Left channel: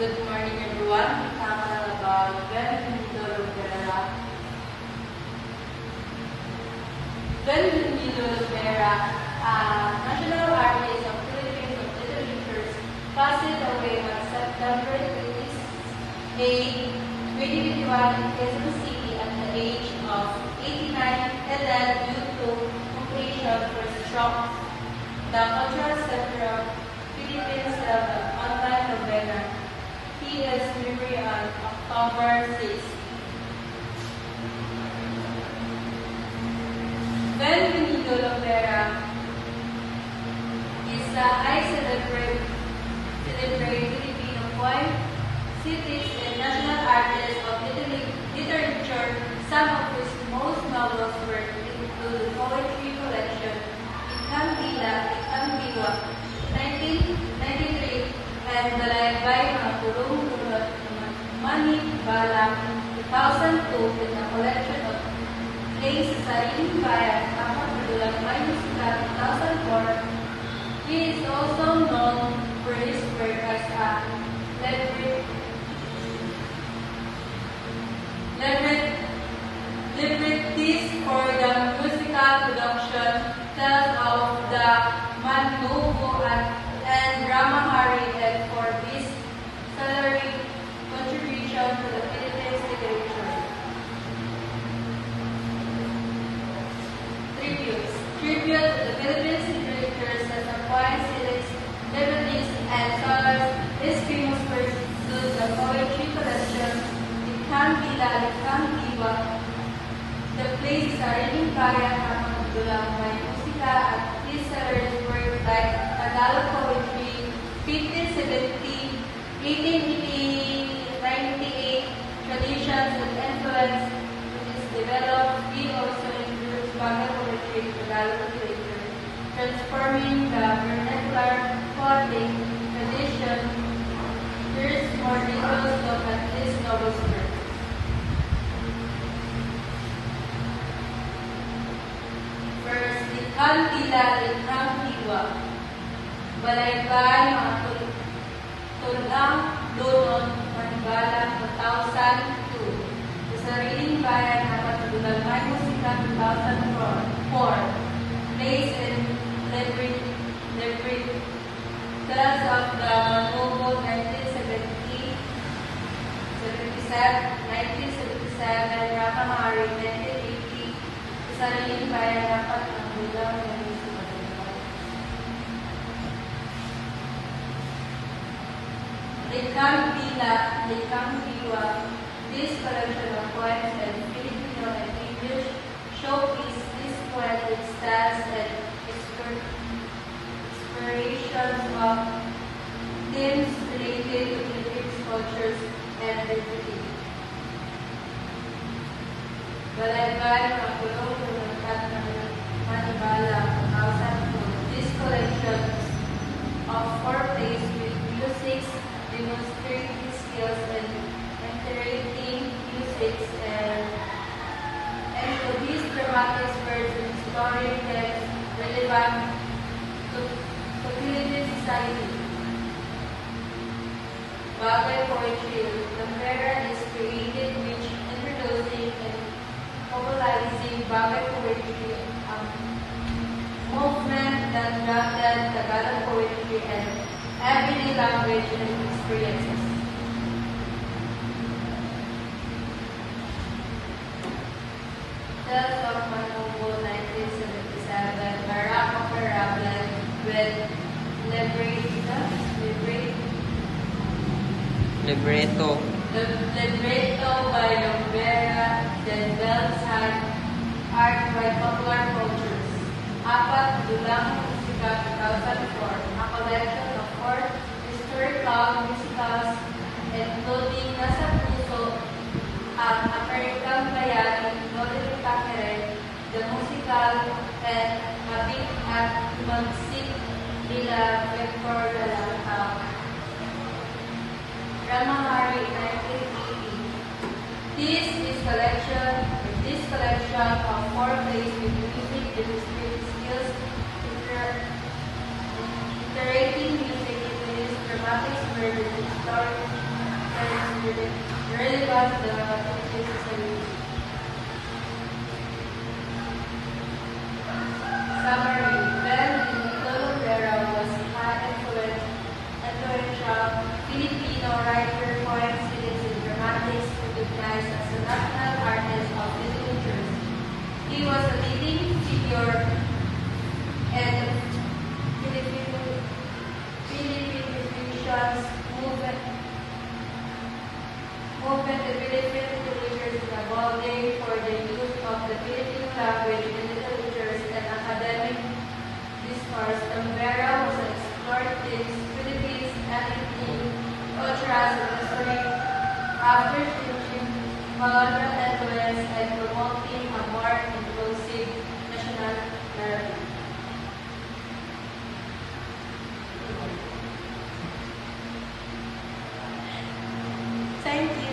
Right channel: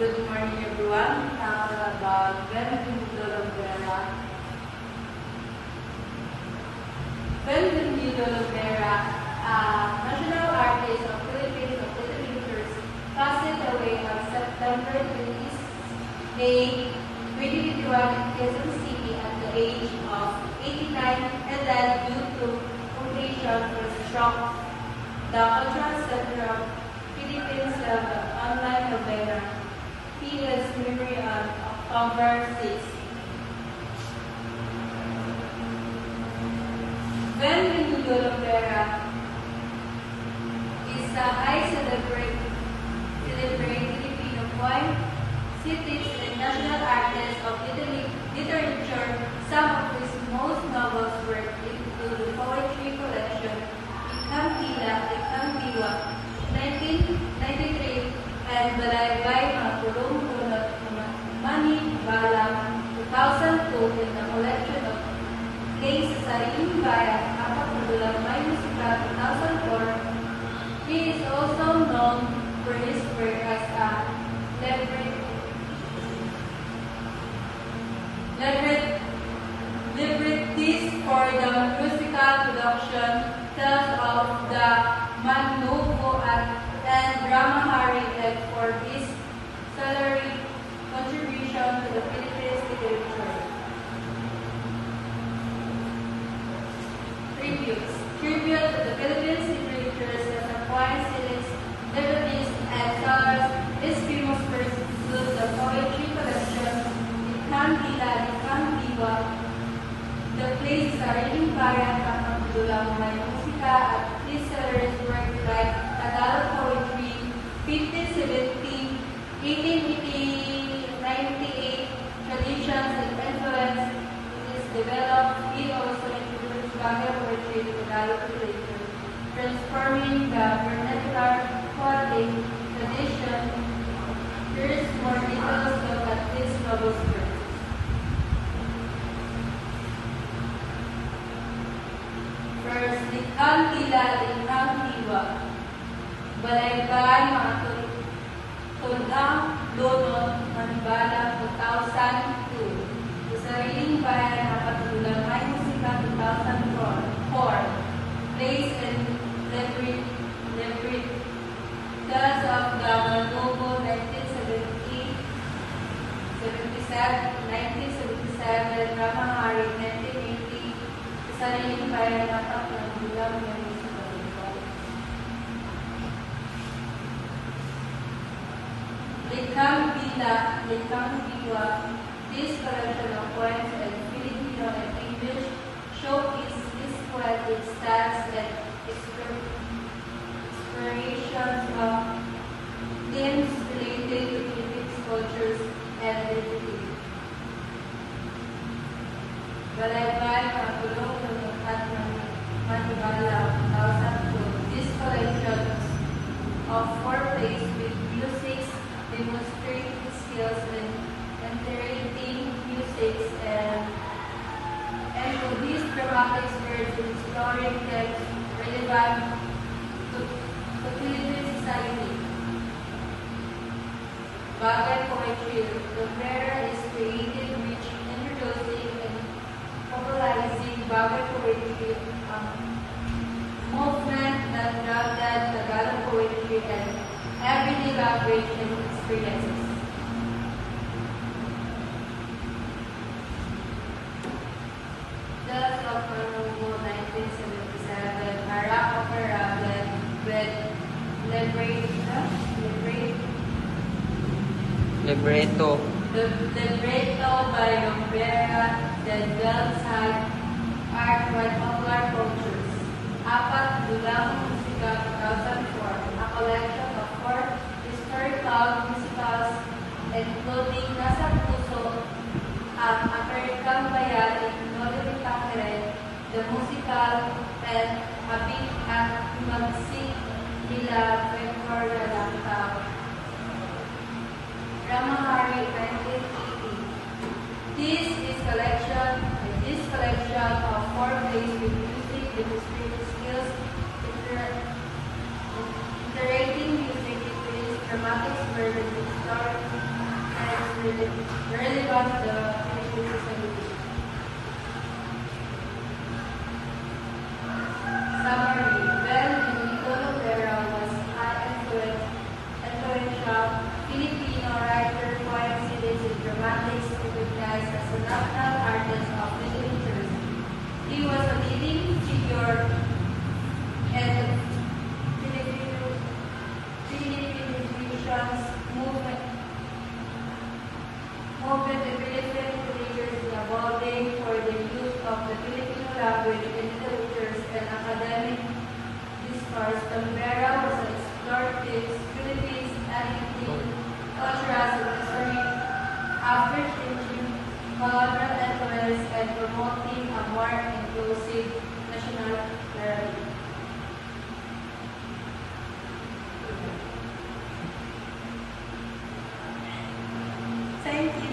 Good morning, everyone. Tama about Benvenuto Lovera. Benvenuto Lovera, a national artist of Philippine literature, passed away on September 28, 2021 in Quezon City at the age of 89 and then due to completion for stroke. The Cultural Center of Philippines held the online Lovera. He is memory on October 6. Benvenuto Lovera is the celebrate Filipino poet, cities, and national artist of literature. Some of his most novel works include the poetry collection Ikang-Tila, Ikang-Diwa, 1993, and Balaybay ng Pulong-Pulot, Manibalang, 2002, in the collection of plays sa Sariling Bayan, Kapatulang by Musika, 2004. He is also known for his work as a librettist for the musical production tells of the Mandugo and Drama Hari, and for his scholarly contribution to the Philippine literature. Tribute to the Philippine literature as a poet, librettist, and scholars. His famous works include the poetry collection Ikang-Tila, Ikang-Diwa, the plays Sariling Bayan, Kapatulang by Musika, at his scholarly works like Tagalog poetry, 1570, 1880, 98, traditions and influence is developed. He also introduced Bagay poetry to Tagalog literature, transforming the vernacular poetic tradition. Here's more detailed look at this novel's work. First, Ikang-Tila, Ikang-Diwa. Balaybay, mga tulang, Donon, Manibala, 2002. Sa Sariling Bayan, Kapatulang by Musika, 2004. Plays and librettist of the Mandugo, 1977, 1977, Drama Hari, 1980. Sa Sariling Bayan, Kapatulang, 1977. Ikang-Tila, Ikang-Diwa. This collection of poems in Filipino and English showcase this poetic styles and explorations of themes related to Philippine cultures and identity. Balaybay, mga Pulong-Pulot, Manibala, 2002. This collection of 4 plays with music demonstrating skills in interpreting music and to these dramatic words and storytelling relevant to Philippine society. Bagay poetry. The Lovera is created which introducing and popularizing Bagay poetry, movement that grounded Tagalog poetry and everyday language and experiences. Tales of Mandugo, 1977, Barak Opera with Libretto by Lovera, then Bells had art by popular cultures. Apat Dulang Musika, 2004, a collection of 4 historical musicals including Nasa Puso, ang American Bayan, Nolly Takere, the musical, and Mabit at Magsik nila before the Lantaw. Drama Hari, 1980. This collection of 4 plays with music demonstrating skills, iterating music into dramatic story relevant to the Philippine society. Summary. When Benito Rivera was influential Filipino writer, poet, citizen, dramatist, recognized as a national artist of literature. He was a leading figure in the Philippine Revolution's movement, the Philippine literature evolving for the use of the Filipino language in literatures and academic discourse. Rivera was exploring Philippines ethnic, cultural, and history after changing colonial influence and promoting a more inclusive national narrative. Thank you.